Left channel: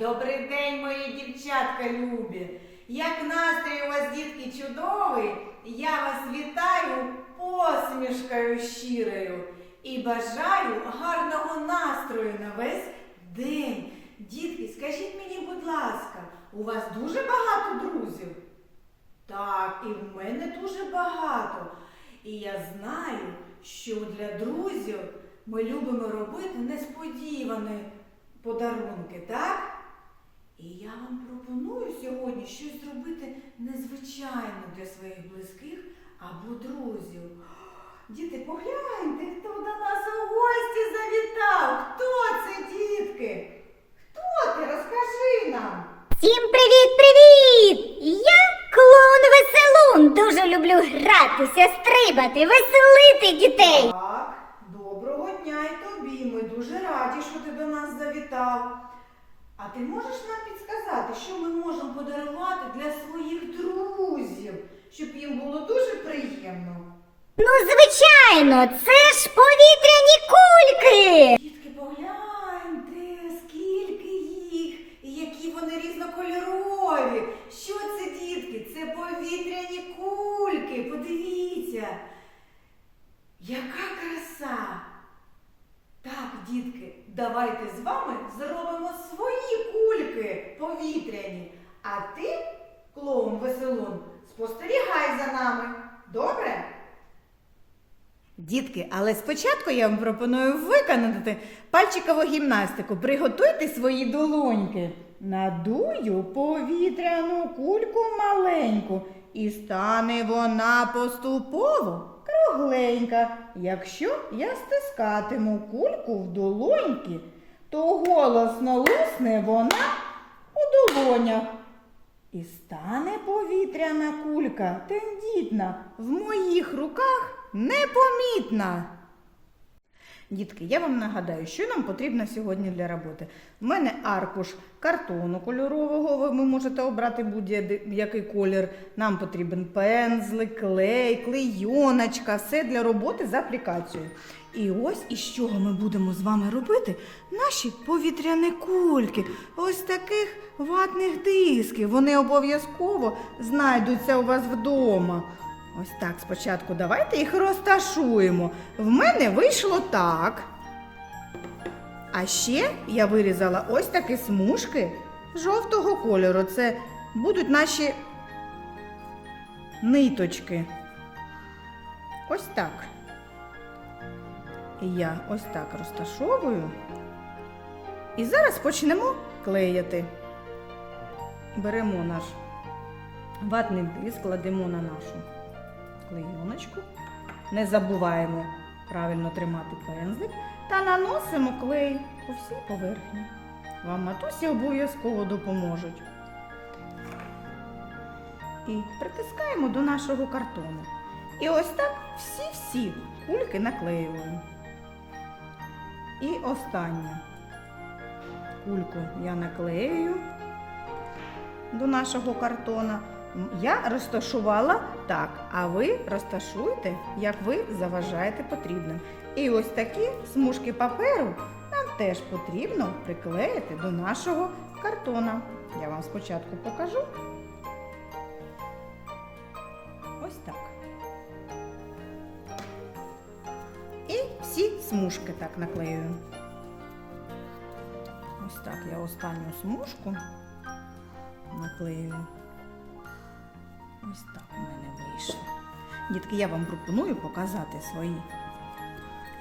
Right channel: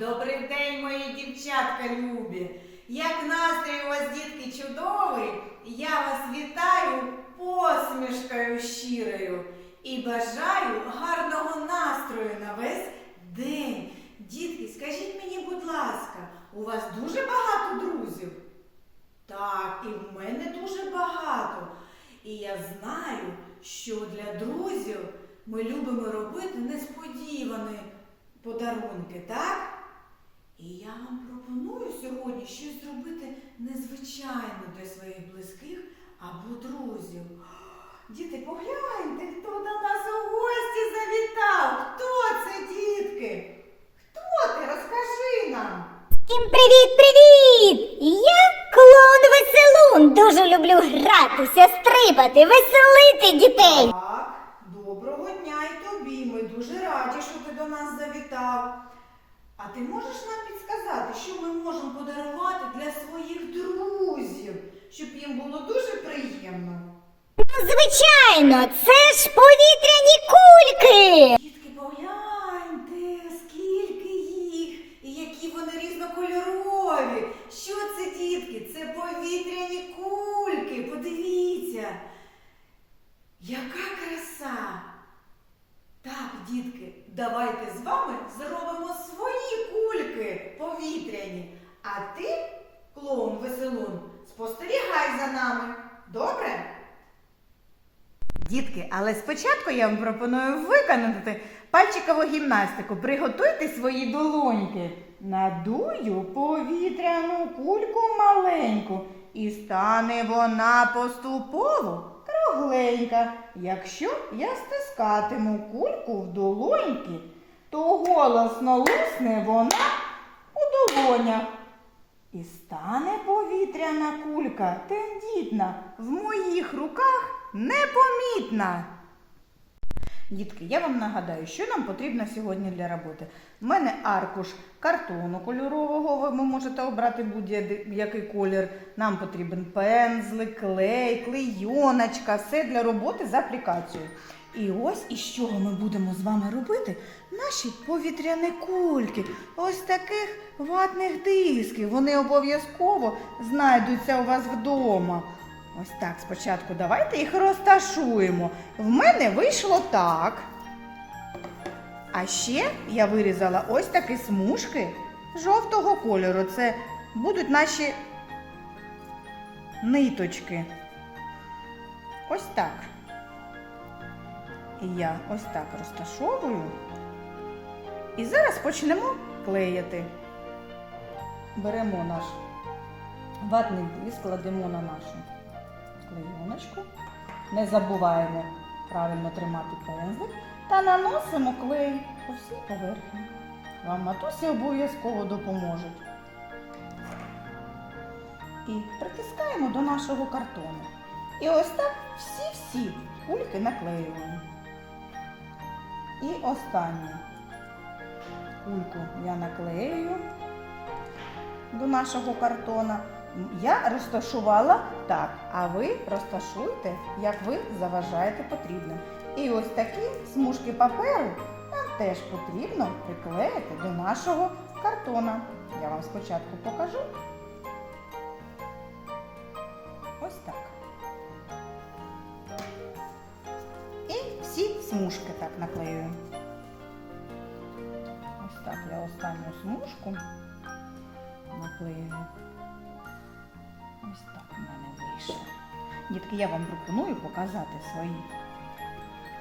добрий день, мої дівчатка любі. Як настрій у вас, дітки, чудовий, я вас вітаю посмішкою щирою і бажаю гарного настрою на весь день. Дітки, скажіть мені, будь ласка, у вас дуже багато друзів? Так, і в мене дуже багато. І я знаю, що для друзів ми любимо робити несподівані подарунки, так? І я вам пропоную сьогодні щось зробити незвичайне для своїх близьких або друзів. Діти, погляньте, хто до нас у гості завітав. Хто це, дітки? Хто ти? Розкажи нам. Всім привіт-привіт! Я клоун Веселун. Дуже люблю гратися, стрибати, веселити дітей. Так, доброго дня і тобі. Ми дуже раді, що ти до нас завітав. А ти можеш нам підсказати, що ми можемо подарувати для своїх друзів, щоб їм було дуже приємно? Ну, звичайно, це ж повітряні кульки. Дітки, погляньте, скільки їх, і які вони різнокольорові. Що це, дітки? Це повітряні кульки. Подивіться. Яка краса! Так, дітки, давайте з вами повітряні. А ти, клоун веселун, спостерігай за нами. Добре? Дітки, але спочатку я вам пропоную виконати пальчикову гімнастику. Приготуйте свої долоньки. Надую повітряну кульку маленьку, і стане вона поступово кругленька. Якщо я стискатиму кульку в долоньки, то голосно лусне вона долонях. І стане повітряна кулька тендітна, в моїх руках непомітна. Дітки, я вам нагадаю, що нам потрібно сьогодні для роботи. В мене аркуш картону кольорового, ви можете обрати будь-який колір. Нам потрібен пензлик, клей, клейоночка, все для роботи з аплікацією. І ось із чого ми будемо з вами робити наші повітряні кульки. Ось таких ватних дисків. Вони обов'язково знайдуться у вас вдома. Ось так спочатку давайте їх розташуємо. В мене вийшло так. А ще я вирізала ось такі смужки жовтого кольору. Це будуть наші ниточки. Ось так. І я ось так розташовую. І зараз почнемо клеїти. Беремо наш ватний диск, кладемо на нашу клейоночку. Не забуваємо правильно тримати пензлик та наносимо клей по всій поверхні. Вам матусі обов'язково допоможуть. І притискаємо до нашого картону. І ось так всі-всі кульки наклеюємо. І останнє. Кульку я наклеюю до нашого картона. Я розташувала так, а ви розташуйте, як ви заважаєте потрібним. І ось такі смужки паперу нам теж потрібно приклеїти до нашого картона. Я вам спочатку покажу. Ось так. І всі смужки так наклеюю. Ось так я останню смужку наклею. Ось так у мене вийшло. Дітки, я вам пропоную показати свої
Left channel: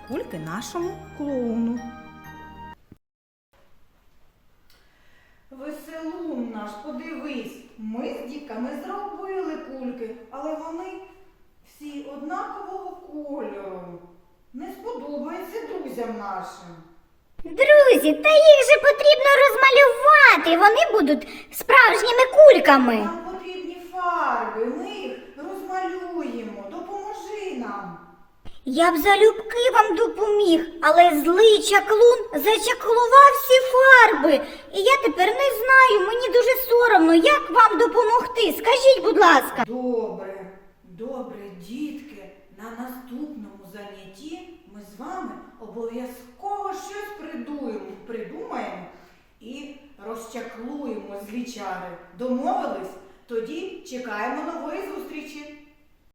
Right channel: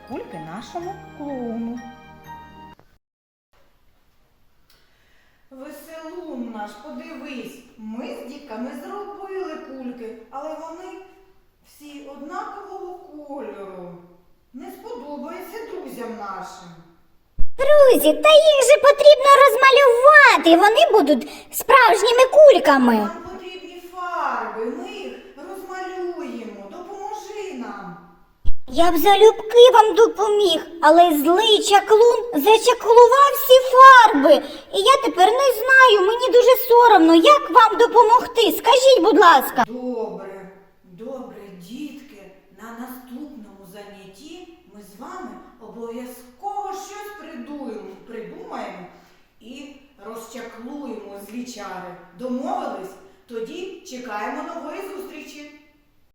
кульки нашому клоуну. Веселун наш, подивись, ми з дітками зробили кульки, але вони всі однакового кольору. Не сподобається друзям нашим. Друзі, та їх же потрібно розмалювати. Вони будуть справжніми кульками. Нам потрібні фарби, ми їх розмалюємо. Допоможи нам. Я б залюбки вам допоміг, але злий чаклун зачаклував всі фарби. І я тепер не знаю, мені дуже соромно, як вам допомогти. Скажіть, будь ласка. Добре, добре, дітки. На наступному занятті ми з вами обов'язково щось придуємо, придумаємо і розчаклуємо. чари. Домовились? Тоді чекаємо нової зустрічі.